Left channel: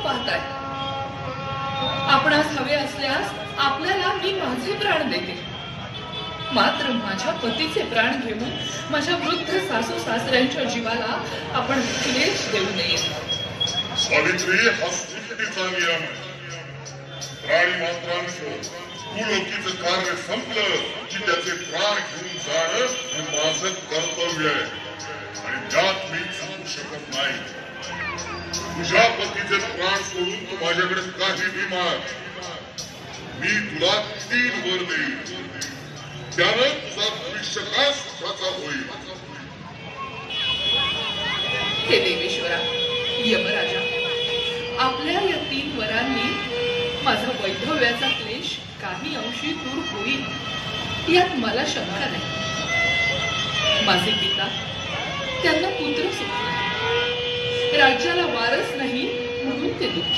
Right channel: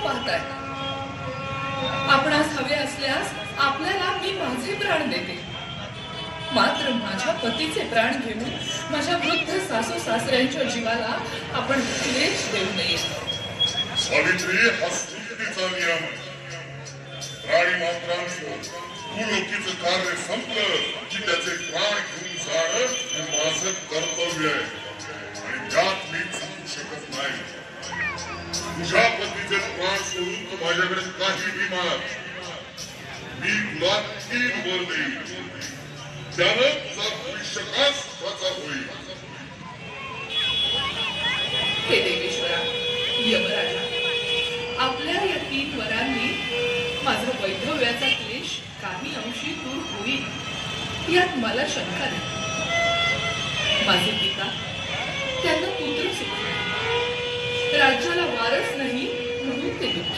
पाहताय? आपणास हवे असल्यास आपल्याला मी माझे प्राण देते, मात्र माझ्या पतीचे प्राण घेऊन माझ्या वृद्ध सासू सासऱ्यांच्या जीवाला आपण क्लेश देऊ नये. सावित्री, हा सृष्टीचा नियम आहे. प्राणी मात्रांचं भूलोकीचं कार्य संपलं की त्याचे प्राण घेऊन जाणं हे माझं कर्तव्य आहे आणि त्यात मी चुकू शकत नाही. तुझ्या पतीचे प्राण सोडून तू माझ्याकडे काहीही माग, मी तुला 3 वर देईन. त्यानं तुझा भविष्यकाळ सुखाचा होईल. हे देवेश्वरा, यमराजा, आपल्या या 3 वरांनी माझा वैधव्याचा क्लेश काही अंशी दूर होईल यात मला शंका नाही. माझे पिता, त्यांना पुत्र सुख नाही, राज्याला वारस नाही म्हणून ते दुःखी.